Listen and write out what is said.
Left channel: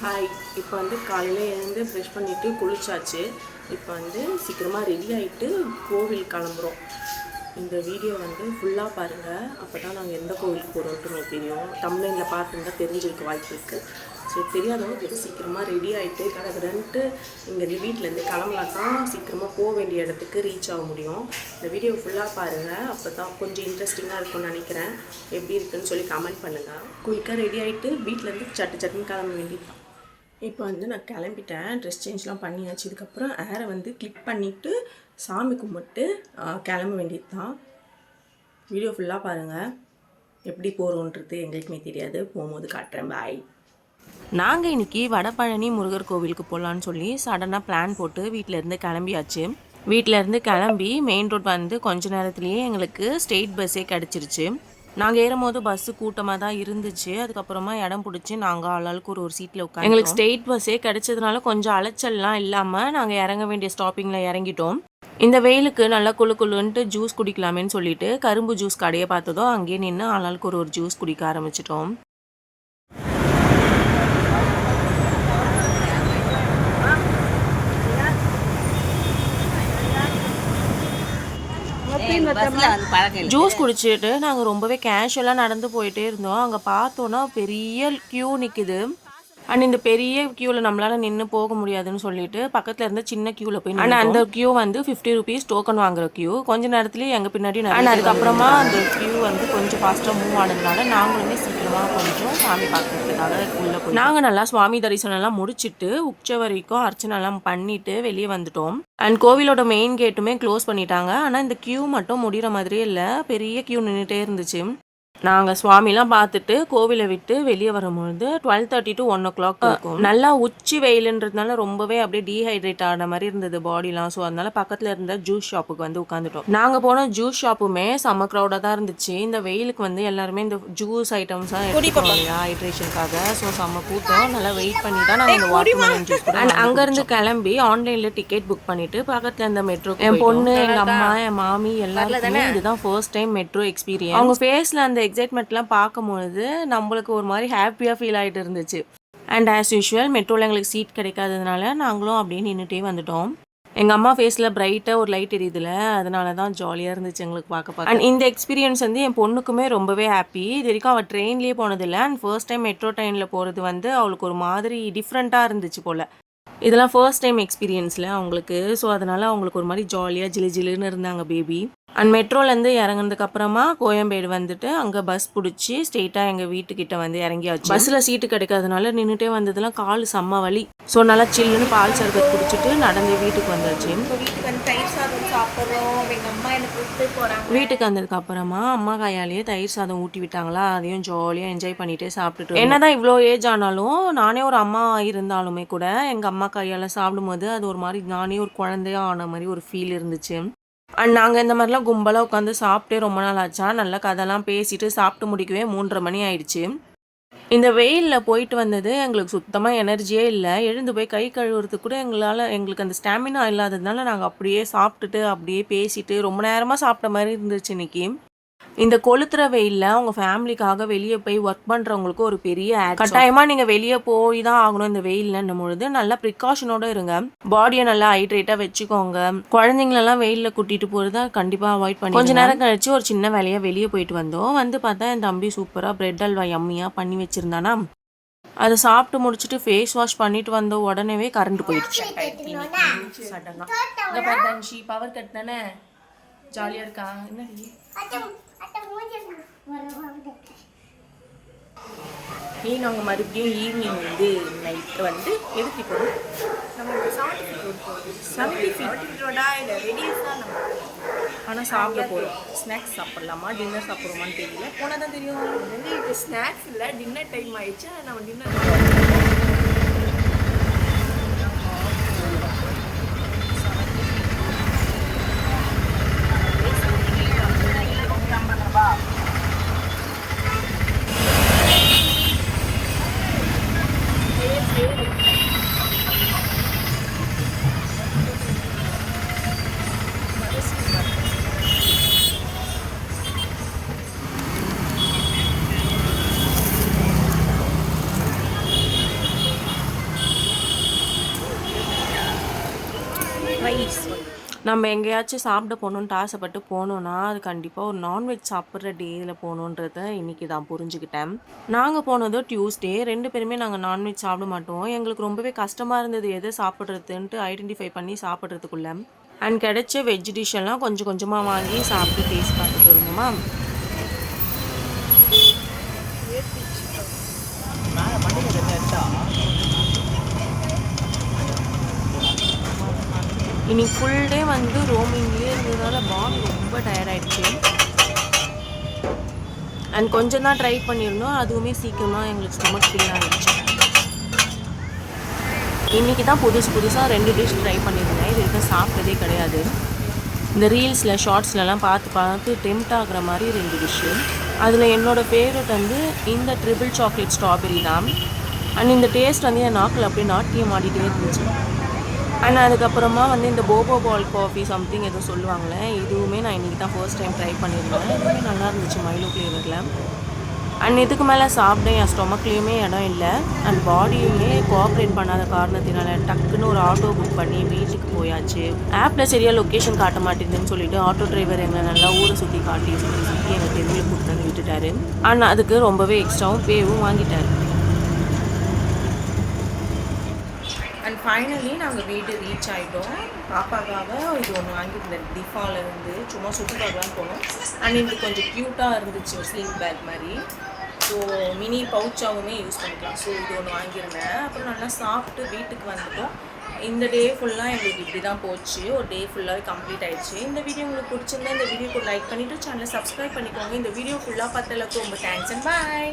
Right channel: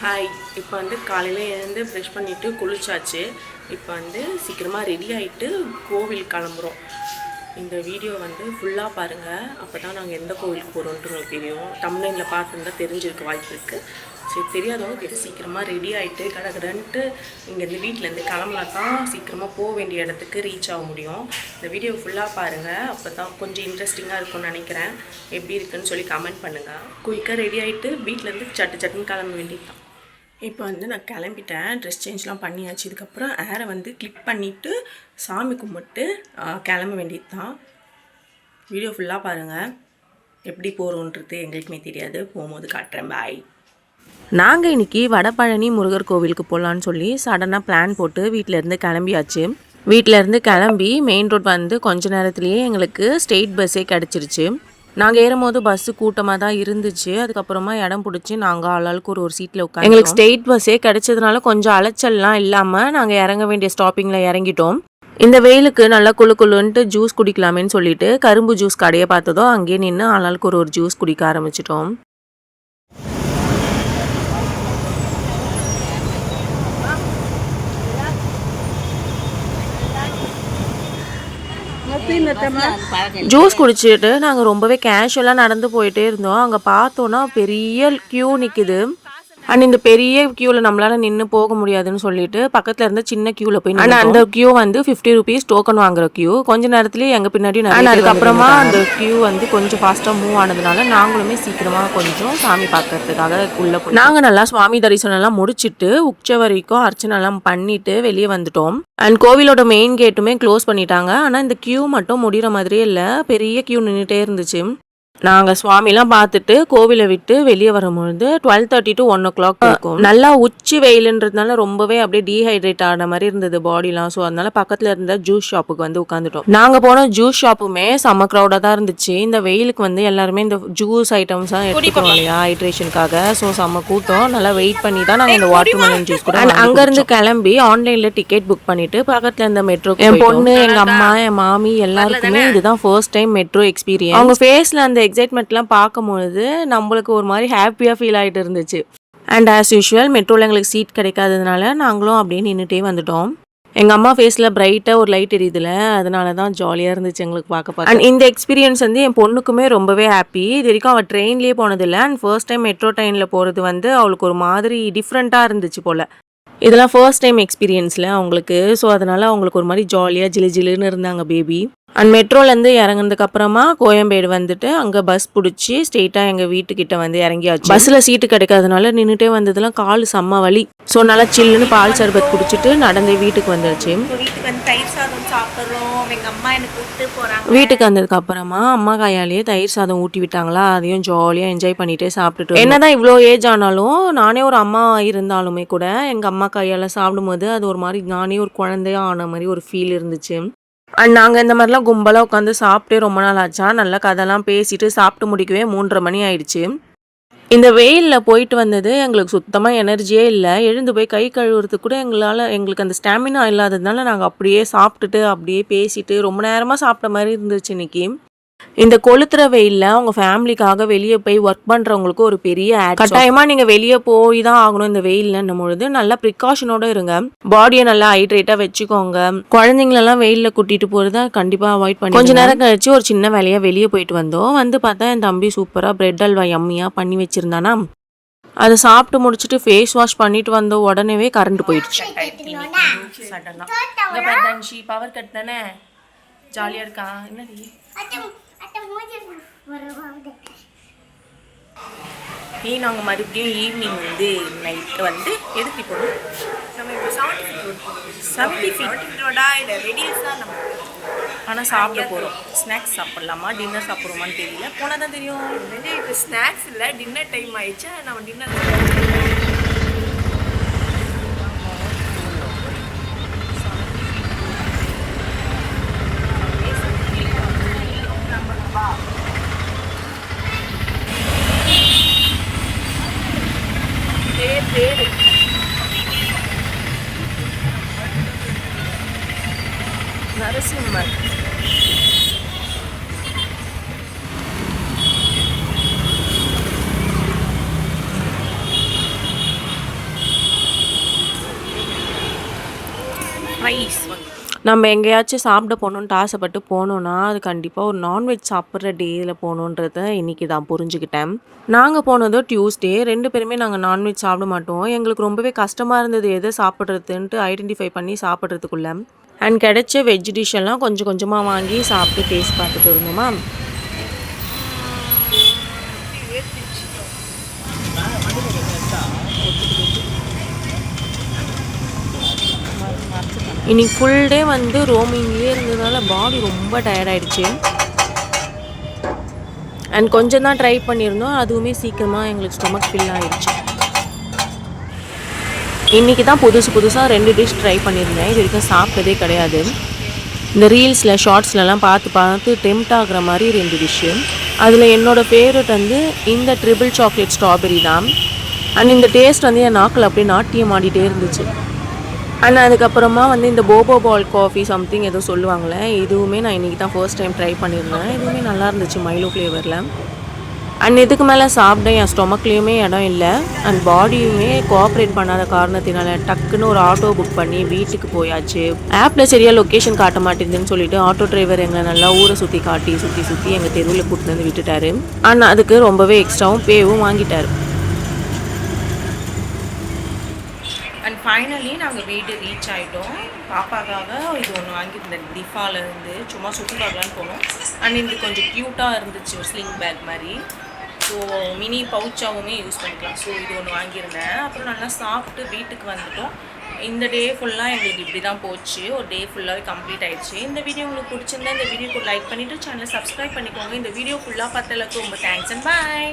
Hi. இப்போ வந்து காலையில் எழுந்து ப்ரெஷ் பண்ணிவிட்டு குளிச்சாச்சு. இப்போ வந்து சீக்கிரமாக ரெடி ஆகிட்டு கோவில் கிளம்புறோம். இந்த வீடியோ வந்து ஃபுல்லாக பாருங்கள், அப்போ தான் நாங்கள் எந்த கோவிலுக்கு போகிறோன்ட்டு உங்களுக்கு தெரியும். தம்ப்நெயிலில் பார்த்துருந்தா தெரிஞ்சிருக்க வாய்ப்பு இருக்குது. சரி, தெரியாதவங்க கிட்ட சீக்கிரமாக ரெடி ஆகிட்டு கடகடன்ட்டு இங்கேருந்து வீட்டிலேருந்து கிளம்பலாம் தான் சீக்கிரமாக போக வேண்டிய இடத்துக்கு ரீச் ஆக முடியும். இந்த வீடியோ ஃபுல்லாக பாருங்கள், அப்போ தான் கொஞ்சம் இன்ட்ரெஸ்டிங்காக இருக்கும்னு நினைக்கிறேன். எப்படி இருக்குன்னு சொல்லி கமெண்ட் பண்ணுங்கள். குயிக்காக ரெடி ஆகிட்டு வீட்டிலேருந்து சட்டுன்னு கிளம்ப வேண்டியது தான். இப்போ வந்து நான் கிளம்பிட்டேன், ட்ரெஸ் சேஞ்ச்லாம் பண்ணியாச்சு. இதுக்கப்புறம் ஏரை வந்து கிளிக் பண்ணிவிட்டு சாமி கும்பிட்டு கிளம்ப வேண்டியது தான். வீடியோ ஃபுல்லாக பாருங்கள், எப்படி போகிறோன்றது எங்களுக்குமே தெரியாது, போகும்போது காட்டுறேன். பாய். நாங்கள் இன்றைக்கி வடபழனி முருகர் கோவிலுக்கு போகலான்னு சொல்லி சடனாக பிளான் போட்டு வீட்டிலேருந்து கிளம்பியாச்சு. வீட்டிலேருந்து கிளம்பி மெயின் ரோட் வந்து கொஞ்ச நேரத்துலேயே எங்களுக்கு ஸ்டேட் பஸ்ஸே கிடச்சிருச்சு. நாங்கள் ஏறும்போது பஸ்ஸு கூட்டமாக தான் இருந்துச்சு. அதுக்கப்புறமா இடம் பிடிச்சி நாங்கள் ஆளாளுக்கு ஒரு சீட்டில் உட்காந்து எங்களுக்கு ஸ்டேட் பஸ்ஸே கிடைச்சதுனால கொஞ்சம் அலைச்சல்லாம் இல்லாமல் நாங்கள் இறங்க வேண்டிய ஸ்டாப்பிங்கில் இறங்கிட்டோம். இந்த வெயிலுக்கு நல்லா குளுன்ட்டு ஜூஸ் குடிக்கலாமேன்னு சொல்லிட்டு கரும்பு ஜூஸ் கடையை பார்த்ததோ அங்கேயே நின்று ஆளாளுக்கு ஒரு ஜூஸ் குடிக்க ஆரம்பிச்சிட்டோம். ஜூஸ் குடிச்சிட்டு நாங்கள் ரொம்பவே கேஷுவலாக நடந்து போயிட்டே இருந்தோம். அங்கே பார்த்தோன்னா பெரிய க்யூ நிற்குது. அண்ட் இந்த பெரிய க்யூவில் நம்மளால் நின்று போக முடியாதுன்னு சொல்லிட்டு பக்கத்தில் இருந்த சின்ன க்யூவில் போய் ஆனால் அந்த க்யூ வந்து 50 rupees டோக்கன் வாங்குற க்யூ. கொஞ்சம் நேரத்துலேயே எங்கள் பின்னாடி அதுக்கப்புறமா அந்த க்யூ வந்து கொஞ்சம் ஃபாஸ்ட்டாக மூவ் ஆனதுனால நாங்களுமே சீக்கிரமாக கொஞ்சம் சாமி பார்க்கறதுக்காக உள்ளே போய் நாங்கள் நல்லா சுவாமி தரிசனம்லாம் முடிச்சுட்டு உச்ச வரைக்கும் அர்ச்சனைலாம் பண்ணிட்டு வெளியே வந்துட்டோம். அண்ட் கோவிலோட மெயின் கேட்டுமே க்ளோஸ் பண்ணிட்டாங்க. ஆனால் இந்த க்யூ மட்டும் முடிகிற மாதிரியே இல்லை, பெரிய க்யூ நின்றுட்டே இருந்துச்சு. நாங்கள் சுவாமிலாம் பார்த்துட்டு கோவிலை விட்டு வெளியே வரும்பொழுது 12:30 to 1 o'clock இருக்கும். நல்லா உச்சி வெயிலுன்றதுனால ரொம்பவே அப்படியே டீஹைட்ரேட் ஆன மாதிரி இருந்தது பாடிலாம். ஸோ அதனால பக்கத்தில் இருந்த ஜூஸ் ஷாப்புக்கு வந்து உட்காந்துட்டோம். நாங்கள் போன ஜூஸ் ஷாப்புமே செம்ம க்ரௌடாக தான் இருந்துச்சு. இந்த வெயிலுக்கு வந்து எல்லாருமே இந்த ஜூஸ் ஐட்டம்ஸ்லாம் எடுத்துக்கோம் இல்லையா ஹைட்ரேஷனுக்காக. ஸோ செம்ம கூட்டம். நல்லா வெயிட் பண்ணி தான் நாங்கள் இந்த வாட்டர்மெலன் ஜூஸ் கூட அங்கேருந்து கிளம்பி ஆன்லைனில் டிக்கெட் புக் பண்ணிட்டு பக்கத்தில் இந்த மெட்ரோ என் பொண்ணு, எங்கள் அம்மா, என் மாமி எல்லாருக்குமே இதுதான் ஃபர்ஸ்ட் டைம் மெட்ரோ எக்ஸ்பீரியன்ஸ். அவங்க ஃபேஸில் அந்த எக்ஸைட்மெண்ட்லாம் பார்க்கும்பொழுது நம்மளுக்கு ஒரு மாதிரி ஹாப்பியாக ஃபீல் ஆகிட்டு இருந்துச்சு. அண்ட் ஆஸ் யூஷுவல் மெட்ரோவில் எங்களுக்கு சீட் கிடைக்காததுனால நாங்களும் அப்படியே நின்றுட்டே வந்துட்டோம். எங்கள் அம்மா ஃபேஸில் பிரைட்டாக ஒரு லைட் எரியுதுல, அதனால தான் ஜாலியாக இருந்துச்சு எங்களுக்கு பார்க்க. அண்ட் இந்த எக்ஸ்பீரியன்ஸ் வந்து என் பொண்ணுக்குமே ரொம்பவே ஹாப்பி. இது வரைக்கும் அவள் ட்ரெயின்லேயே போனதில்லை. அண்ட் ஃபர்ஸ்ட் டைம் மெட்ரோ ட்ரெயினில் போகிறது வந்து அவளுக்கு ஒரு மாதிரி டிஃப்ரெண்ட்டாக இருந்துச்சு போல். இதெல்லாம் ஃபர்ஸ்ட் டைம் எக்ஸ்பீரியன்ஸில் அவங்களுக்கு. ஸோ அதனால் அவங்களுக்கு ஒரு மாதிரி ஜாலியாக ஜிலுன்னு இருந்தாங்க பேபி. அண்ட் மெட்ரோலேருந்து இறங்கினதுக்கப்புறமா கோயம்பேடு வந்துட்டு அங்கே பஸ் பிடிச்சி ஸ்ட்ரெயிட்டாக எங்கள் வீட்டுக்கிட்ட வந்து இறங்கியாச்சு. பஸ்ஸில் சீட்டு கிடைக்காதனால நின்றுட்டே வந்ததுலாம் கால் செம்ம வலி. ஸோ நல்லா சில்லுன்னு பால் சர்பத் குடிச்சிட்டு நடந்து வீட்டுக்கு வந்துருச்சு. வீட்டுக்கு வந்து தயிர் சாதம் சாப்பிட்றோம். எங்கள் அம்மா எனக்கு கூப்பிட்டு போகிறாங்க. வீட்டுக்கு வந்ததுக்கப்புறமா அம்மா கையாலேயே தயிர் சாதம் ஊட்டி விட்டாங்களா, அதையும் ஜாலியாக என்ஜாய் பண்ணிகிட்டே சாப்பிட்டுட்டு என்னதான் இவ்வளோ ஏஜ் ஆனாலும் நானே ஒரு அம்மா இருந்தாலுமே கூட எங்கள் அம்மா கையால் சாப்பிடும்போது அது ஒரு மாதிரி நானே ஒரு குழந்தையா ஆன மாதிரி ஒரு ஃபீல் இருந்துச்சு. அண்ட் நாங்கள் இந்த மாதிரிலாம் கும்பலாக உட்காந்து சாப்பிட்டே ரொம்ப நாள் ஆச்சா. நல்லா கதைலாம் பேசிட்டு சாப்பிட்டு முடிக்கவே 3:30 மணி ஆயிடுச்சு. இந்த வெயிலில் போயிட்டு வந்தது எங்களுக்கு சுத்தமாக எனர்ஜியே இல்லை. எழுந்து போய் கை கழுவுறதுக்கு கூட எங்களுக்கு அந்த ஸ்டாமினா இல்லாததுனால நாங்கள் அப்படியே சாப்பிட்டுட்டு அப்படியே பேசிட்டு ரொம்ப நேரமாக சாப்பிட்ட மாதிரி இருந்துச்சு இன்னைக்கு. இந்த கொளுத்துற வெயிலில் அவங்க ஃபேமிலிக்காக வெளியே போய் ஒர்க் பண்ணுறவங்களுக்கு ஒரு பெரிய கட்டாயமாக நீங்கள் வெளியே போய் தான் ஆகணும் இந்த வெயில்னும் பொழுது நல்லா ப்ரிகாஷனோடு இருங்க. பாடியை நல்லா ஹைட்ரேட்டாக வச்சுக்கோங்க. குழந்தைங்களெல்லாம் வெயிலில் கூட்டிகிட்டு போகிறத கண்டிப்பாக அவாய்ட் பண்ணி கொஞ்சம் நேரம் கழிச்சு ஒரு சின்ன வேலையாக வெளியே போயிட்டு வந்தோம். வந்து பார்த்தா என் தம்பி சூப்பராக பிரெட் அல்வா யம்மியாக பண்ணி வச்சுருந்தானா, அதை சாப்பிட்டு முடிச்சுட்டு ஃபேஸ் வாஷ் பண்ணிட்டு வந்த உடனே கரண்ட் போயிடுச்சு. பவர் கட் தானே, ஜாலியாக இருக்கா? என்னடி நாங்கள் மறுபடியும் ஈவினிங் வந்து நைட்டு வந்து எதுக்கு போகிறோம்? நம்ம இப்போ 70 feet ரோடா இல்லை ரெடியூஸாக நம்ம ஆனால் சாப்பிட போகிறோம். ஸ்நாக்ஸ் சாப்பிட்லாமா டின்னர் சாப்பிட்றோமான்னு தெரியல, போனால் தான் தெரியும். இப்போ ஸ்நாக்ஸ் இல்லை, டின்னர் டைம் ஆயிடுச்சு. நம்ம டின்னர் ரைஸ் நம்ம எங்கேயாச்சும் சாப்பிட போகணுன்ட்டு ஆசைப்பட்டு போனோன்னா அது கண்டிப்பாக ஒரு நான்வெஜ் சாப்பிட்ற டேயில் போகணுன்றத இன்றைக்கி தான் புரிஞ்சுக்கிட்டேன். நாங்கள் போனதோ டியூஸ்டே. 2 பேருமே நாங்கள் நான்வெஜ் சாப்பிட மாட்டோம். எங்களுக்கு ரொம்பவே கஷ்டமாக இருந்தது எதை சாப்பிட்றதுன்ட்டு ஐடென்டிஃபை பண்ணி சாப்பிட்றதுக்குள்ள. அண்ட் கிடைச்ச வெஜ் டிஷ் எல்லாம் கொஞ்சம் கொஞ்சமாக வாங்கி சாப்பிட்டு டேஸ்ட் பார்த்துட்டு இருந்தோமா. இன்னைக்கு ஃபுல் டே வந்து ரோமிங்லேயே இருந்ததுனால பாடி ரொம்ப டயர்டாயிடுச்சு. அண்ட் கொஞ்சம் தான் ட்ரை பண்ணியிருந்தோம், அதுவுமே சீக்கிரமாக எங்களுக்கு ஸ்டொமக் ஃபில் ஆகிடுச்சு. இன்றைக்கி தான் புதுசாக 2 டிஷ் ட்ரை பண்ணியிருந்தேன். இது வரைக்கும் சாப்பிட்டதே கிடையாது. இந்த ரீல்ஸில் ஷார்ட்ஸ்லலாம் பார்த்து டெம்ட் ஆகிற மாதிரி 2 டிஷ்ஷு. அதில் என்னோடய ஃபேவரட் வந்து இந்த ட்ரிபிள் சாக்லேட் ஸ்ட்ராபெரி தான். அண்ட் இந்த டேஸ்ட் வந்து என் நாக்கில் அப்படியே நாட்டியம் ஆடிட்டே இருந்துச்சு. அண்ட் அதுக்கப்புறமா வந்து இந்த போபோ பால் காஃபி சம்திங் ஏதோ சொல்லுவாங்களே, இதுவுமே நான் இன்றைக்கி தான் ஃபர்ஸ்ட் டைம் ட்ரை பண்ணியிருந்தேன். இதுவுமே நல்லா இருந்துச்சு மைலோ ஃப்ளேவரில். அண்ட் இதுக்கு மேலே சாப்பிட என் ஸ்டொமக்லேயுமே இடம் இல்லை. அண்ட் பாடியுமே கோஆப்ரேட் பண்ணாத காரணத்தினால டக்குன்னு ஒரு ஆட்டோ புக் பண்ணி வீட்டுக்கு போயாச்சு. ஆப்பில் சரியாக லொக்கேஷன் காட்ட மாட்டேங்குதுன்னு சொல்லிட்டு ஆட்டோ டிரைவர் எங்களை நல்லா ஊரை சுற்றி எங்கள் தெருவில் கூப்பிட்டு வந்து விட்டுட்டாரு. அண்ட் அதுக்கு ரொம்பவே எக்ஸ்ட்ராவும் பேவும் வாங்கிட்டார். அண்ட் ஃபைனலி நாங்கள் வீடு ரீச் ஆகிட்டோம். பாப்பாக்காக இது ஒன்று வாங்கியிருந்தேன் டிஃபாலேருந்து, சும்மா சுற்றி பார்க்கலான்னு போனோம். அண்ட் இது கொஞ்சம் க்யூட்டாக இருந்துச்சு, ஒரு ஸ்லிங் பேக் மாதிரி. ஸோ மினி பவுச்சாகவுமே யூஸ் பண்ணிக்கலாம். ஸோ இது ஒன்று வாங்கியிருந்தேன். அப்புறம் நல்லா சாப்பிட்டு வீட்டுக்கு வந்துட்டோம். இந்த டே ஃபுல்லாக எங்களுக்கு இப்படி தான் போச்சு. ஒரு டே ஃபுல்லாகவே கம்ப்ளீட் ஆகிடுச்சு. இந்த வீடியோ உங்களுக்கு பிடிச்சிருந்தா இந்த வீடியோக்கு லைக் பண்ணிவிட்டு சேனலை சப்ஸ்கிரைப் பண்ணிக்கோங்க. இந்த வீடியோ ஃபுல்லாக பார்த்ததுக்கு ரொம்ப தேங்க்ஸ் அண்ட் பாய்.